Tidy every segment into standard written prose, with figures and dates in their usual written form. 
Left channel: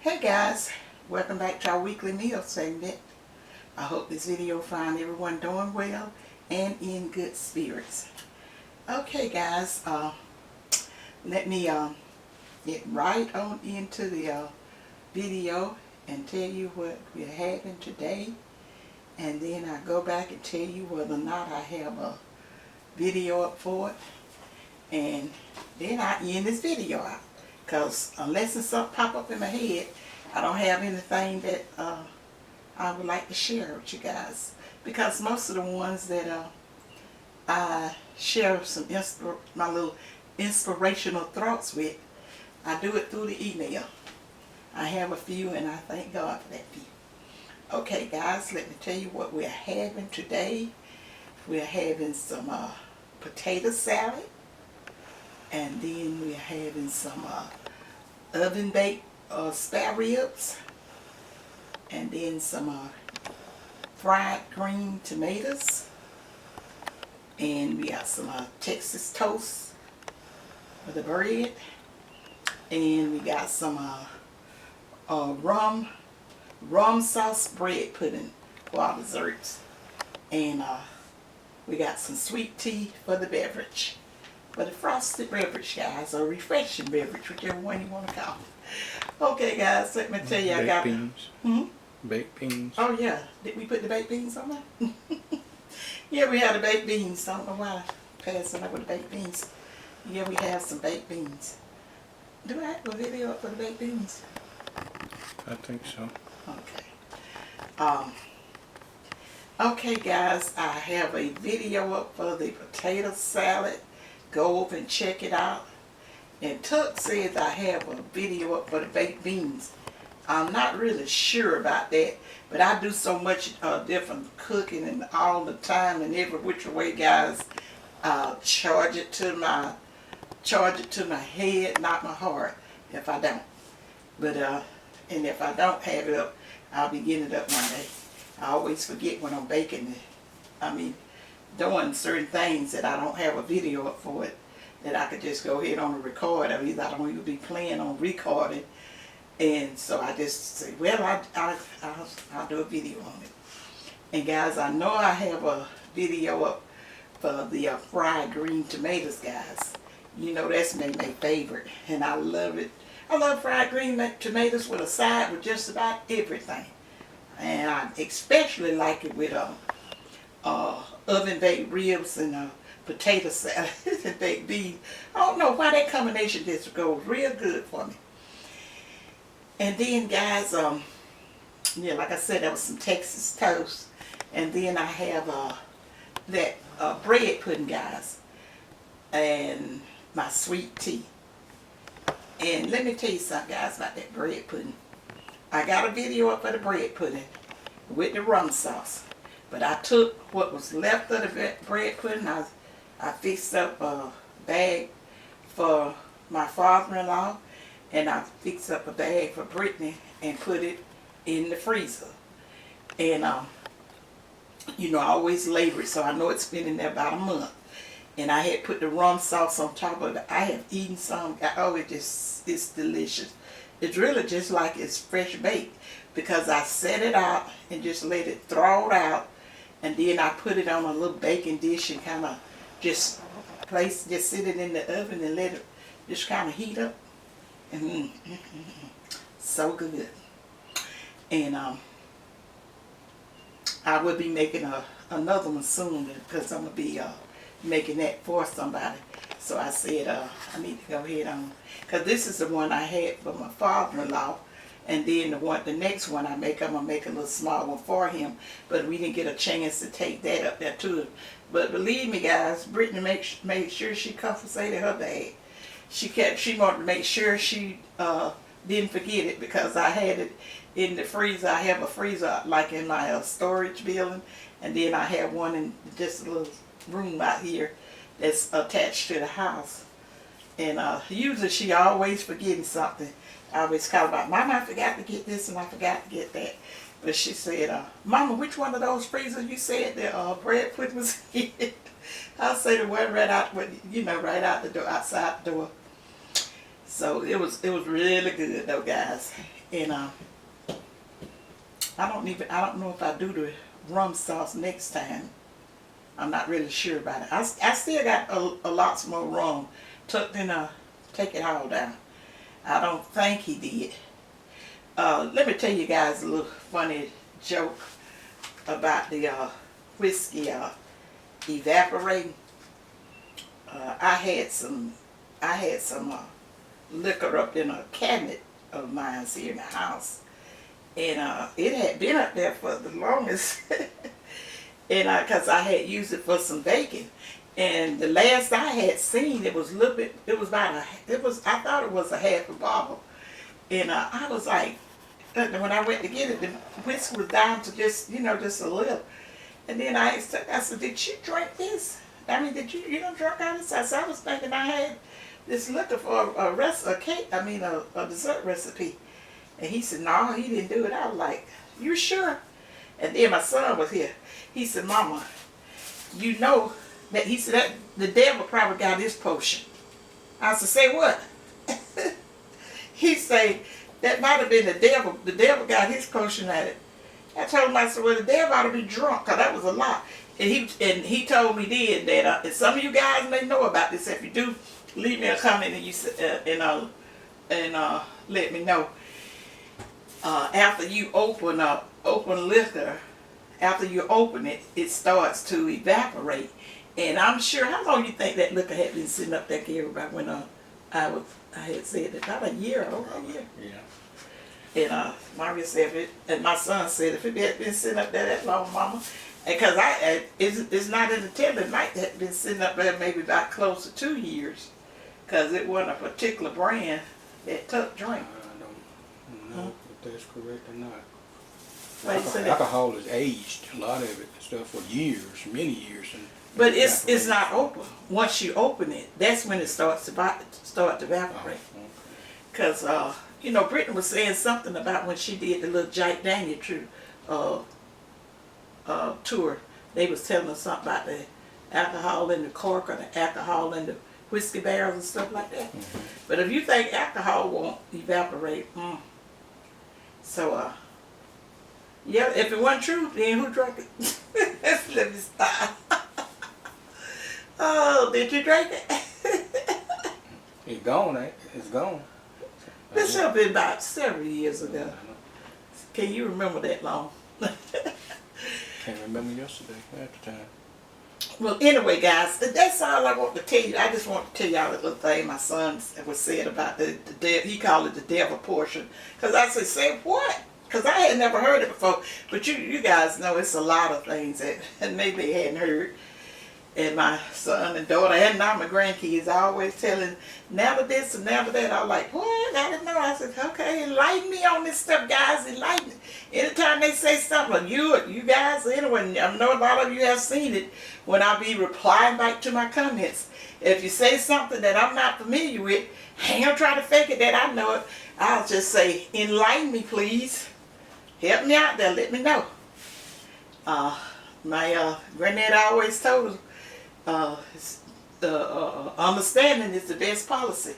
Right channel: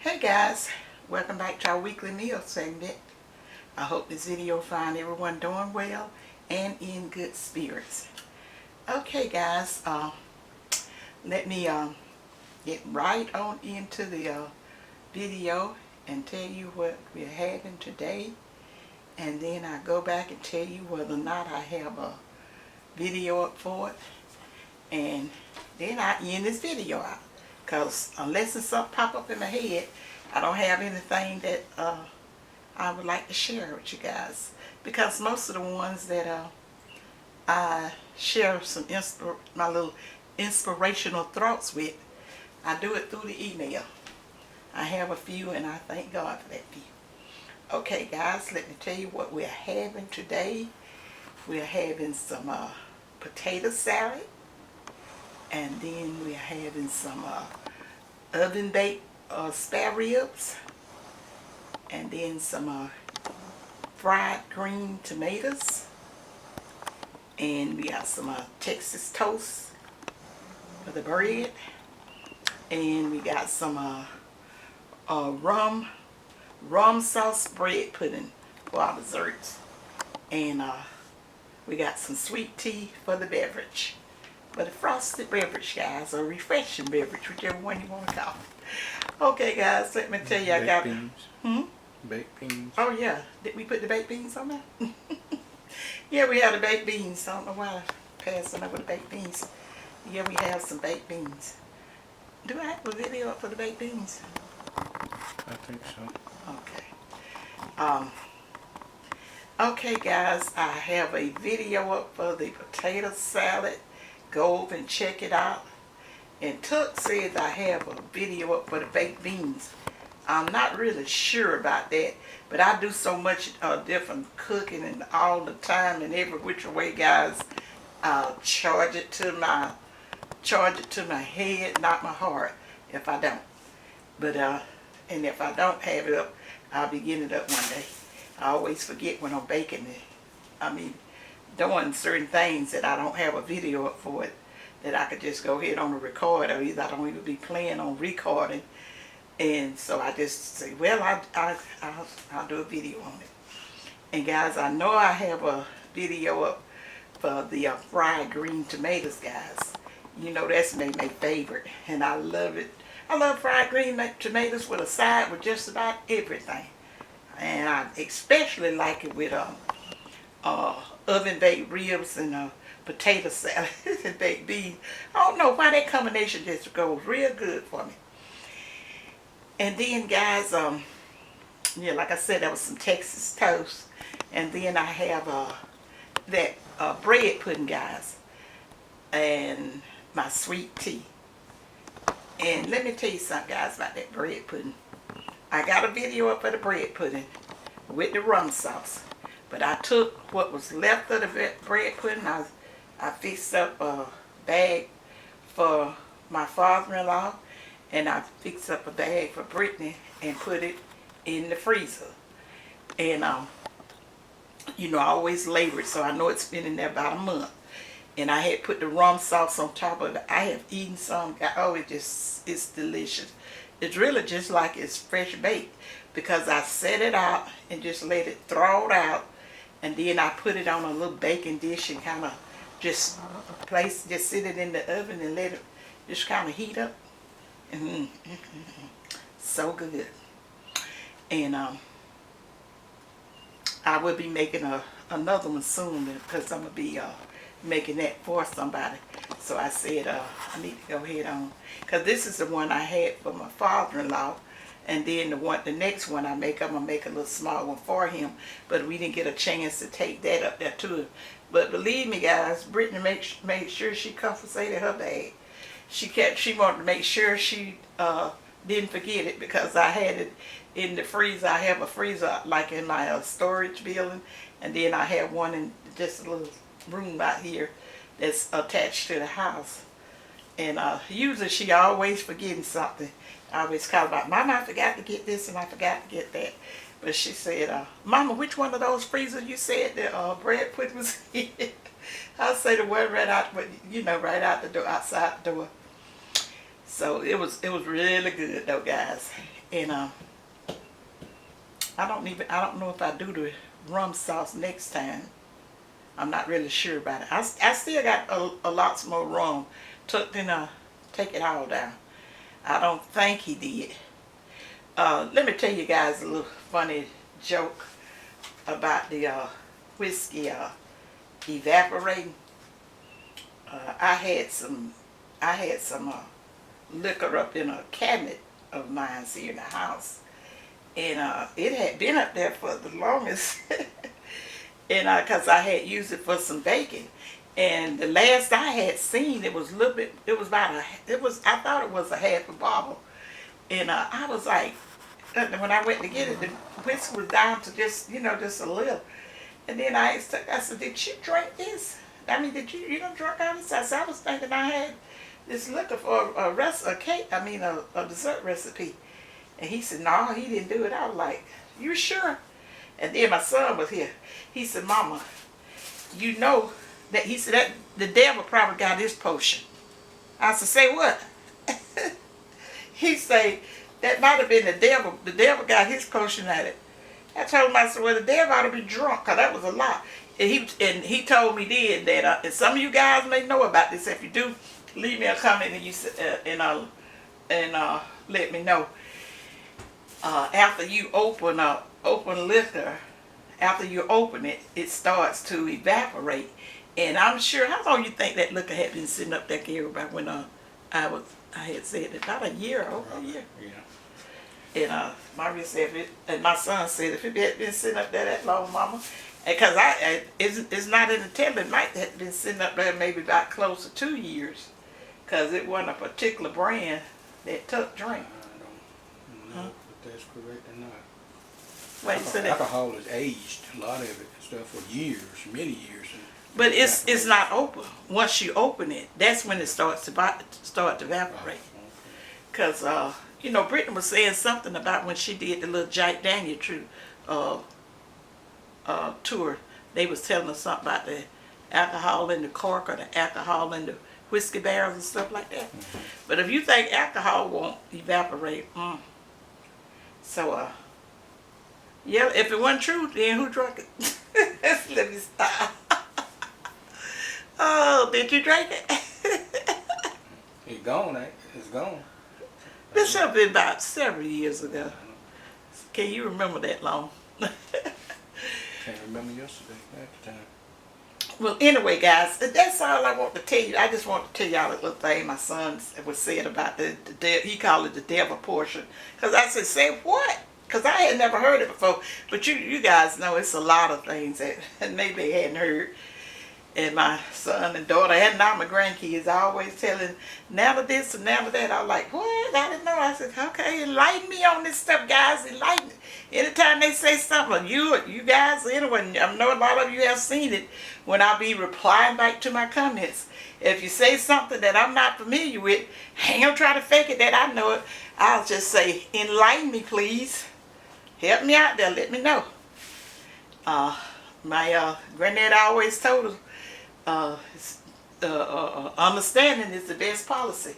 Hey guys, welcome back to our weekly meal segment. I hope this video find everyone doing well and in good spirits. Okay guys, let me get right on into the video and tell you what we're having today, and then I go back and tell you whether or not I have a video up for it, and then I end this video out, because unless something pop up in my head, I don't have anything that I would like to share with you guys, because most of the ones that I share my little inspirational thoughts with, I do it through the email. I have a few, and I thank God for that few. Okay guys, let me tell you what we're having today. We're having some potato salad, and then we're having some oven baked spare ribs, and then some fried green tomatoes, and we got some Texas toast for the bread, and we got some rum sauce bread pudding for our desserts, and we got some sweet tea for the beverage. But a frosted beverage, guys, or refreshing beverage, whichever one you want to call it. Okay, guys, let me tell you, I got beans. Baked beans. Oh yeah, did we put the baked beans on there? Yeah, we have the baked beans. I don't know why I passed over the baked beans. Yeah, we have some baked beans. Do I have a video up for the baked beans? I think so. Okay. Okay, guys, I have a video up for the potato salad. Go over and check it out. And Tuck says I have a video up for the baked beans. I'm not really sure about that, but I do so much different cooking and all the time and every which way, guys. I'll charge it to my head, not my heart, if I don't. But and if I don't have it up, I'll be getting it up one day. I always forget when I'm baking it. I mean, doing certain things that I don't have a video up for it, that I could just go ahead on a record. Or either I don't even be planning on recording, and so I just say, well, I'll do a video on it. And guys, I know I have a video up for the fried green tomatoes, guys. You know, that's my favorite, and I love it. I love fried green tomatoes with a side with just about everything, and I especially like it with oven baked ribs and potato salad and baked beans. I don't know why that combination just goes real good for me. And then, guys, yeah, like I said, there was some Texas toast, and then I have that bread pudding, guys, and my sweet tea. And let me tell you something, guys, about that bread pudding. I got a video up for the bread pudding with the rum sauce. But I took what was left of the bread pudding. I fixed up a bag for my father-in-law, and I fixed up a bag for Brittany and put it in the freezer. And you know, I always labor it, so I know it's been in there about a month. And I had put the rum sauce on top of it. I have eaten some. Oh, it's delicious. It's really just like it's fresh baked, because I set it out and just let it thaw out. And then I put it on a little baking dish and kind of just sit it in the oven and let it just kind of heat up. So good. And I will be making another one soon, because I'm going to be making that for somebody. So I said I need to go ahead on, because this is the one I had for my father-in-law. And then the next one I'm going to make a little small one for him. But we didn't get a chance to take that up there to him. But believe me, guys, Brittany made sure she confiscated her bag. She wanted to make sure she didn't forget it, because I had it in the freezer. I have a freezer like in my storage building. And then I have one in just a little room out here that's attached to the house. And usually she always forgetting something. I always call about, Mama, I forgot to get this and I forgot to get that. But she said, Mama, which one of those freezers you said the bread pudding was in? I say the one right out, you know, right out the door, outside the door. So it was really good though, guys. And I don't know if I do the rum sauce next time. I'm not really sure about it. I still got a lots more rum tucked in take it all down. I don't think he did. Let me tell you guys a little funny joke about the whiskey evaporating. I had some liquor up in a cabinet of mine here in the house, and it had been up there for the longest, and because I had used it for some baking, and the last I had seen it was a little bit. It was about I thought it was a half a bottle, and I was like, when I went to get it, the whiskey was down to just just a little, and then I asked her, I said, "Did you drink this? I mean, did you don't drink out of this?" I said, "I was thinking I had this liquor for a dessert recipe." And he said, "No, he didn't do it." I was like, "You sure?" And then my son was here. He said, "Mama, you know that," he said, "that the devil probably got his potion." I said, "Say what?" He said, "That might have been the devil. The devil got his potion at it." I told him, I said, "Well, the devil ought to be drunk, because that was a lot." And he told me then that, and some of you guys may know about this. If you do, leave me a comment and let me know. After you open liquor, after you open it, it starts to evaporate. And I'm sure, how long you think that liquor had been sitting up there, Gary, about when I had said it? About a year, over a year. Yeah. And Maria said, and my son said, if it had been sitting up there that long, Mama, because it's not in the telling, it might have been sitting up there maybe about close to 2 years, because it wasn't a particular brand that Tuck drank. I don't know if that's correct or not. Wait, Alcohol is aged, a lot of it, stuff for years, many years. But it's not open. Once you open it, that's when it starts to evaporate. Because Brittany was saying something about when she did the little Jack Daniel tour. They was telling us something about the alcohol in the cork or the alcohol in the whiskey barrels and stuff like that. Mm-hmm. But if you think alcohol won't evaporate, so yeah, if it wasn't true, then who drank it? Let me stop. Oh, did you drink it? It's gone, eh? It's gone. This should have been about several years ago. Can you remember that long? Can't remember yesterday at the time. Well, anyway, guys, that's all I want to tell you. I just want to tell y'all a little thing my son was saying about the he called it the devil portion. Because I said, "Say what?" Because I had never heard it before. But you guys know it's a lot of things that maybe they hadn't heard. And my son and daughter, and now my grandkids, I always telling, never this and never that. I was like, "What? I didn't know." I said, "Okay, enlighten me on this stuff, guys. Enlighten me." Anytime they say something, you guys, anyone, I know a lot of you have seen it when I be replying back to my comments. If you say something that I'm not familiar with, I ain't gonna try to fake it that I know it. I'll just say, "Enlighten me, please. Help me out there. Let me know." My granddad always told us, understanding is the best policy.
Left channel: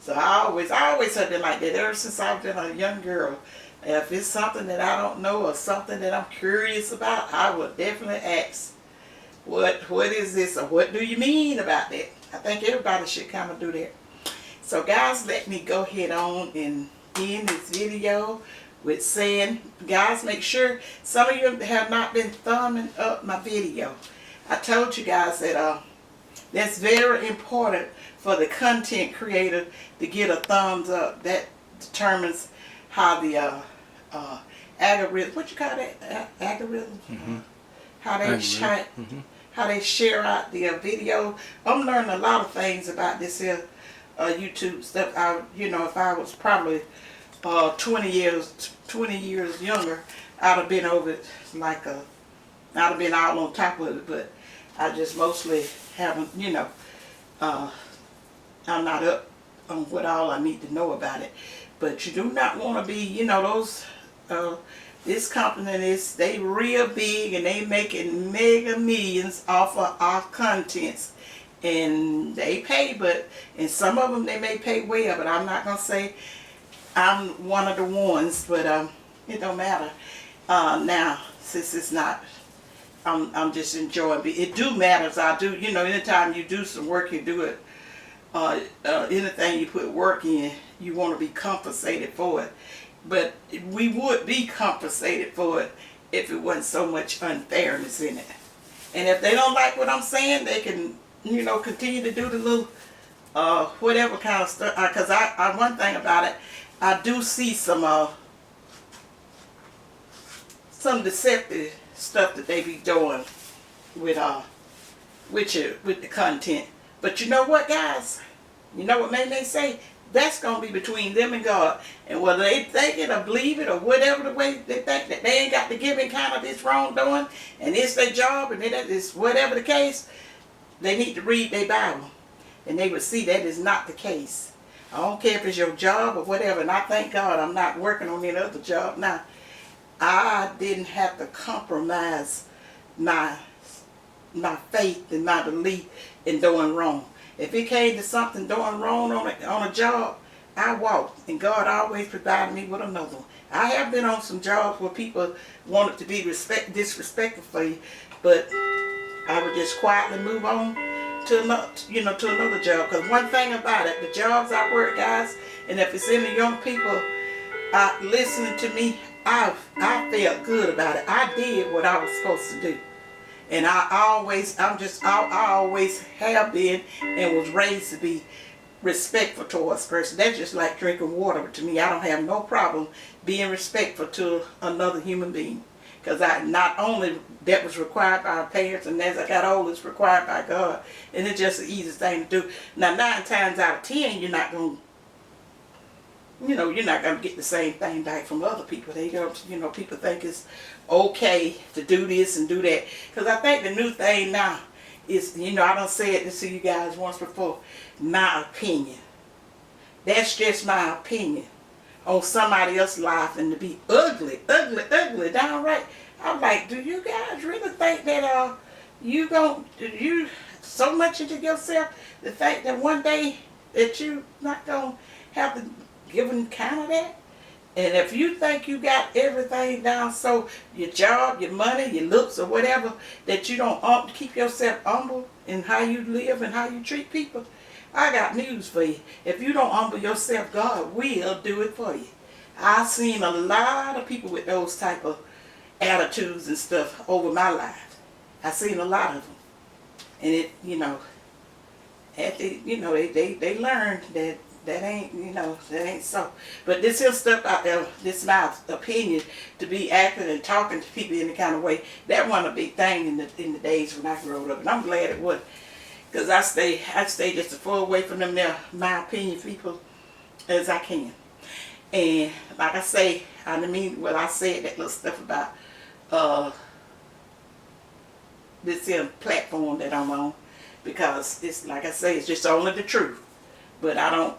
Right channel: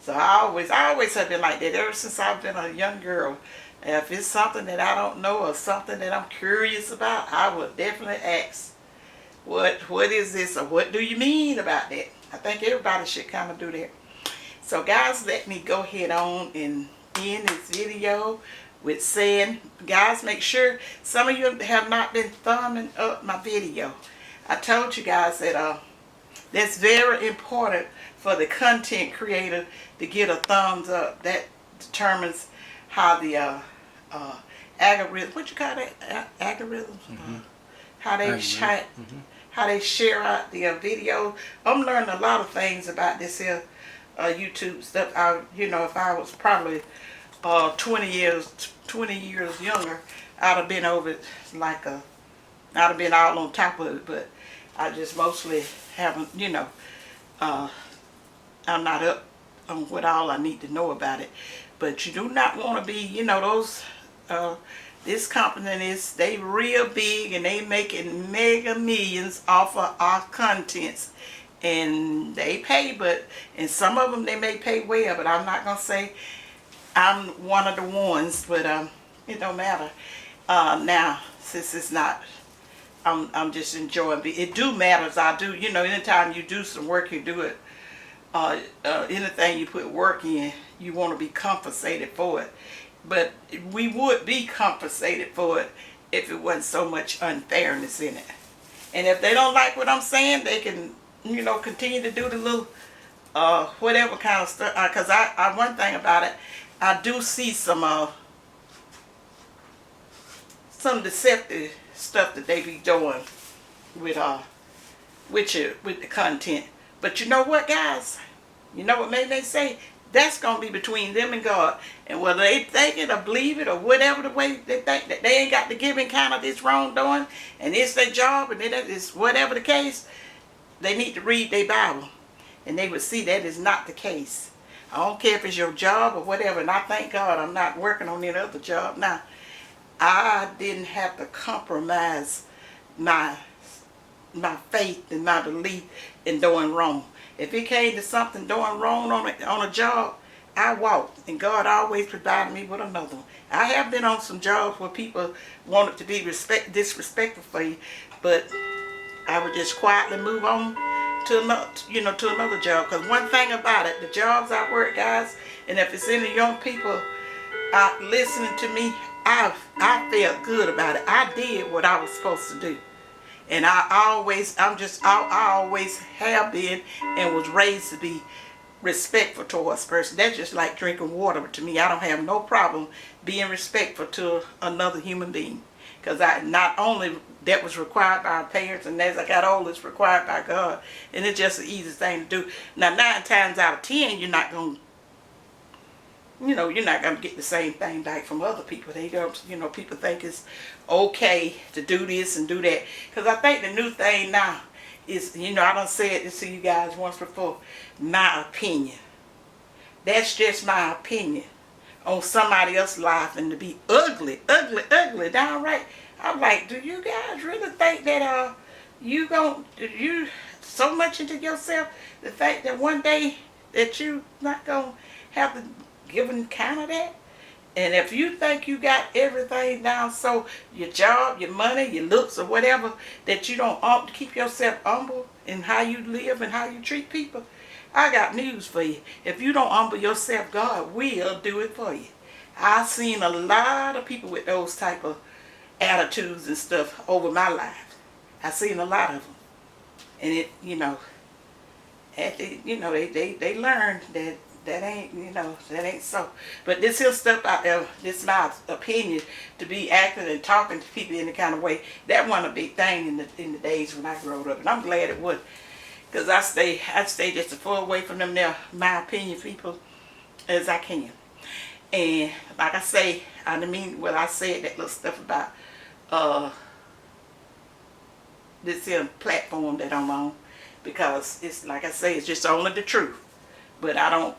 So I always have been like that ever since I've been a young girl. If it's something that I don't know or something that I'm curious about, I will definitely ask, what is this, or what do you mean about that? I think everybody should kind of do that. So guys, let me go ahead on and end this video with saying, guys, make sure, some of you have not been thumbing up my video. I told you guys that that's very important for the content creator to get a thumbs up. That determines how the algorithm, what you call that, algorithm? Mm-hmm. How they share out the video. I'm learning a lot of things about this here YouTube stuff. If I was probably 20 years younger, I'd have been over it I'd have been all on top of it, but I just mostly haven't, I'm not up on what all I need to know about it. But you do not want to be, this company they real big and they making mega millions off of our contents. and they pay, but and some of them they may pay well, but I'm not gonna say I'm one of the ones, but it don't matter. Now since it's not, I'm just enjoying it. It do matters. I do, anytime you do some work, you do it. Anything you put work in, you want to be compensated for it. But we would be compensated for it if it wasn't so much unfairness in it. And if they don't like what I'm saying, they can, continue to do the little, whatever kind of stuff. Because one thing about it, I do see some deceptive stuff that they be doing with with the content. But you know what, guys? You know what made they say? That's going to be between them and God. And whether they think it or believe it or whatever the way they think, that they ain't got to give account of this wrongdoing and it's their job and it's whatever the case, they need to read their Bible. And they would see that is not the case. I don't care if it's your job or whatever. And I thank God I'm not working on any other job now. I didn't have to compromise my faith and my belief in doing wrong. If it came to something doing wrong on a job, I walked, and God always provided me with another one. I have been on some jobs where people wanted to be disrespectful for you, but I would just quietly move on to another job. Because one thing about it, the jobs I work, guys, and if it's any young people listening to me, I felt good about it. I did what I was supposed to do. And I always have been and was raised to be respectful towards person. That's just like drinking water to me. I don't have no problem being respectful to another human being. Because not only that was required by our parents, and as I got older, it's required by God. And it's just the easiest thing to do. Now, 9 times out of 10, you're not going to, you're not going to get the same thing back from other people. They don't, people think it's okay to do this and do that. Because I think the new thing now is, I done said this to you guys once before, my opinion. That's just my opinion on somebody else's life, and to be ugly, downright. I'm like, do you guys really think that you so much into yourself, the fact that one day that you not going to have to give an account of that? And if you think you got everything down, so your job, your money, your looks, or whatever, that you don't keep yourself humble in how you live and how you treat people, I got news for you. If you don't humble yourself, God will do it for you. I've seen a lot of people with those type of attitudes and stuff over my life. I've seen a lot of them. And it, they learned that ain't so. But this here stuff out there, this is my opinion, to be acting and talking to people in the kind of way, that wasn't a big thing in the days when I grew up. And I'm glad it was. Because I stay just as far away from them there, my opinion people, as I can. And like I say, I said that little stuff about this here platform that I'm on. Because it's, like I say, it's just only the truth. But I don't,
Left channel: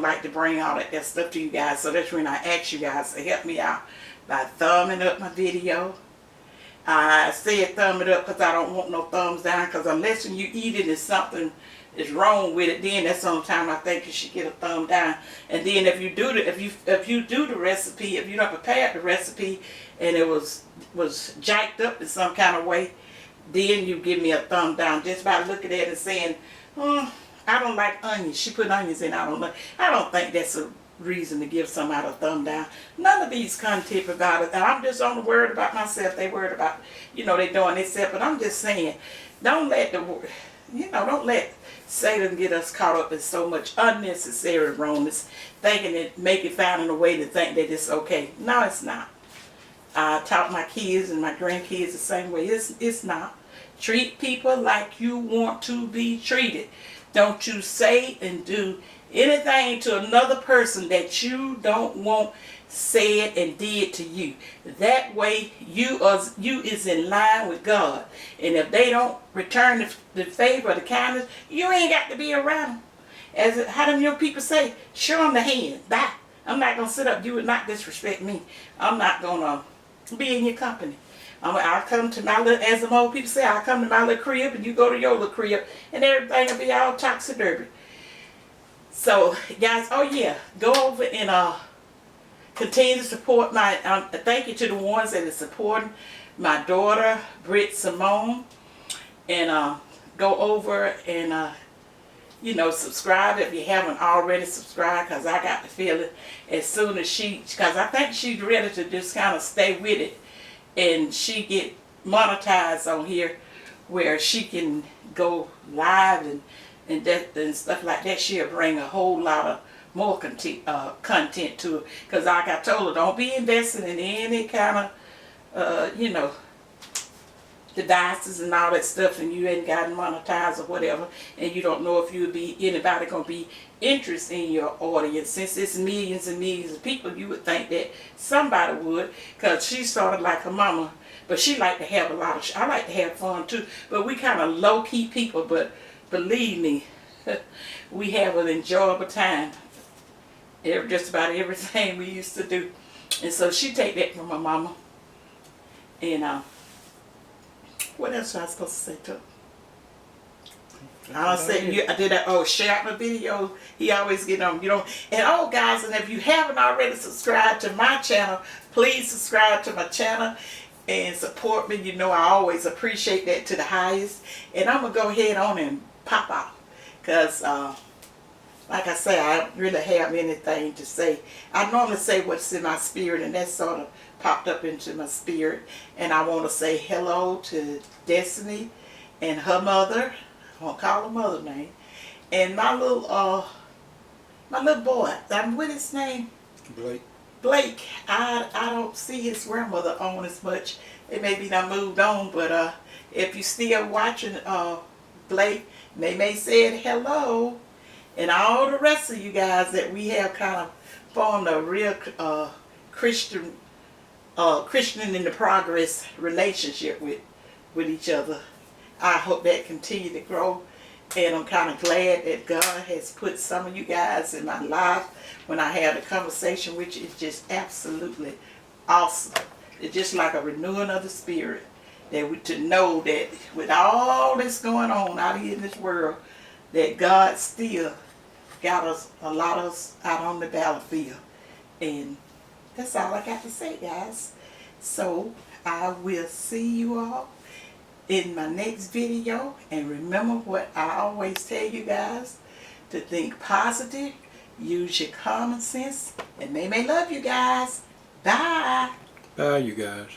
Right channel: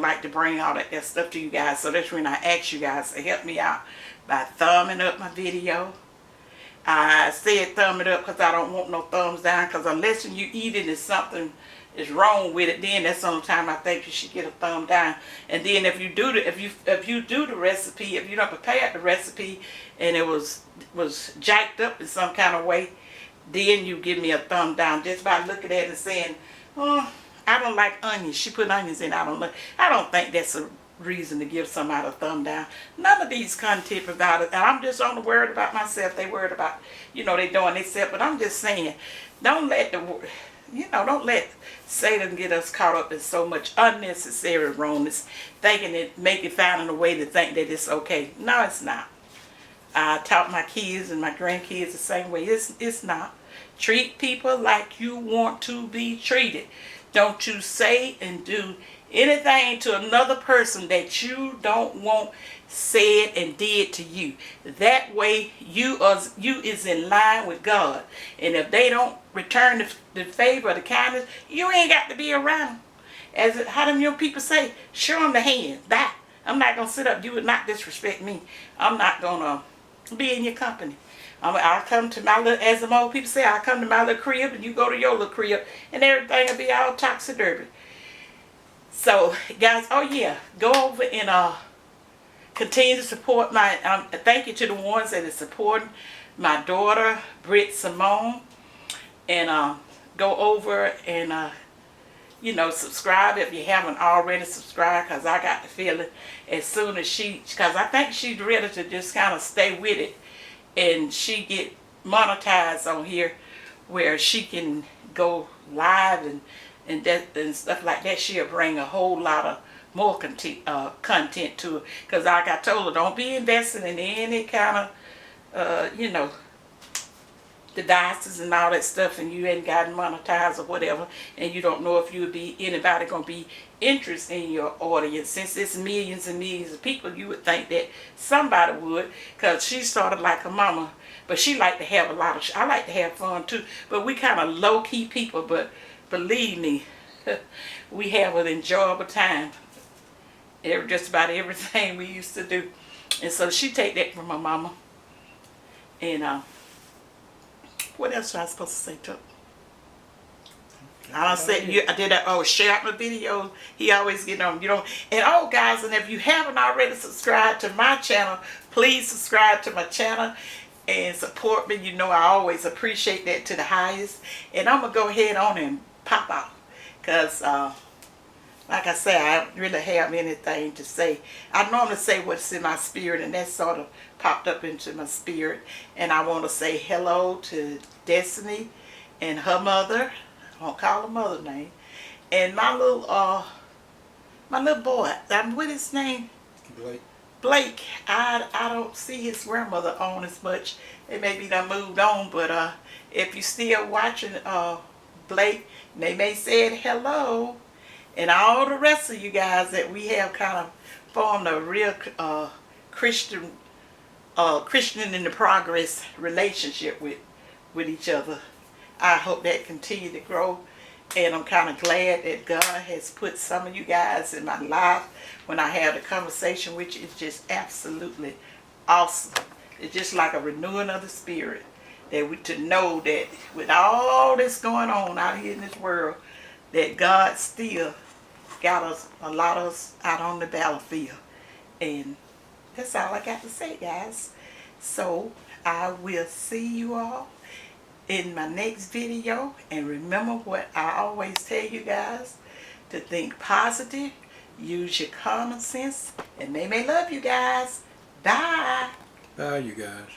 like to bring all that stuff to you guys. So that's when I ask you guys to help me out by thumbing up my video. I said thumb it up because I don't want no thumbs down, because unless you eat it and something is wrong with it, then that's the only time I think you should get a thumb down. And then if you do the recipe, if you don't prepare the recipe and it was jacked up in some kind of way, then you give me a thumb down just by looking at it and saying, oh, I don't like onions. She put onions in. I don't think that's a reason to give somebody a thumb down. None of these content providers, and I'm just only worried about myself. They worried about, they doing themselves. But I'm just saying, don't let Satan get us caught up in so much unnecessary wrongness, thinking it, finding a way to think that it's okay. No, it's not. I taught my kids and my grandkids the same way. It's not. Treat people like you want to be treated. Don't you say and do anything to another person that you don't want said and did to you. That way you is in line with God. And if they don't return the favor or the kindness, you ain't got to be around them. How them your people say, show them the hand. Bye. I'm not going to sit up. You would not disrespect me. I'm not going to be in your company. I'll come to my little, as the old people say, I'll come to my little crib and you go to your little crib and everything will be all topsy-turvy. So, guys, oh yeah, go over and continue to support my, thank you to the ones that are supporting my daughter, Britt Simone. And go over and, you know, subscribe if you haven't already subscribed, because I got the feeling as soon as because I think she's ready to just kind of stay with it and she get monetized on here where she can go live and stuff like that. She'll bring a whole lot of more content to it, because like I told her, don't be investing in any kind of you know, devices and all that stuff, and you ain't gotten monetized or whatever, and you don't know if anybody gonna be interested in your audience. Since it's millions and millions of people, you would think that somebody would, because she's sort of like her mama, but she like to have a lot of, I like to have fun too, but we kind of low-key people, but believe me, we have an enjoyable time. Just about everything we used to do. And so she take that from her mama. And what else was I supposed to say to her? I said, I did that, share my video. He always get on, you know. And guys, and if you haven't already subscribed to my channel, please subscribe to my channel and support me. You know, I always appreciate that to the highest. And I'm going to go ahead on and pop out, because like I say, I don't really have anything to say. I normally say what's in my spirit, and that sort of popped up into my spirit. And I want to say hello to Destiny and her mother. I won't call her mother name. And my little boy, what is his name? Blake. Blake. I don't see his grandmother on as much. It may be done moved on, but if you still watching Blake, they may say hello. And all the rest of you guys that we have kind of formed a real Christian in the progress relationship with each other. I hope that continue to grow. And I'm kind of glad that God has put some of you guys in my life when I had a conversation with you. It's just absolutely awesome. It's just like a renewing of the spirit. To know that with all this going on out here in this world, that God still got a lot of us out on the battlefield. And that's all I got to say, guys. So I will see you all in my next video. And remember what I always tell you guys, to think positive, use your common sense, and they may love you guys. Bye. Bye, you guys.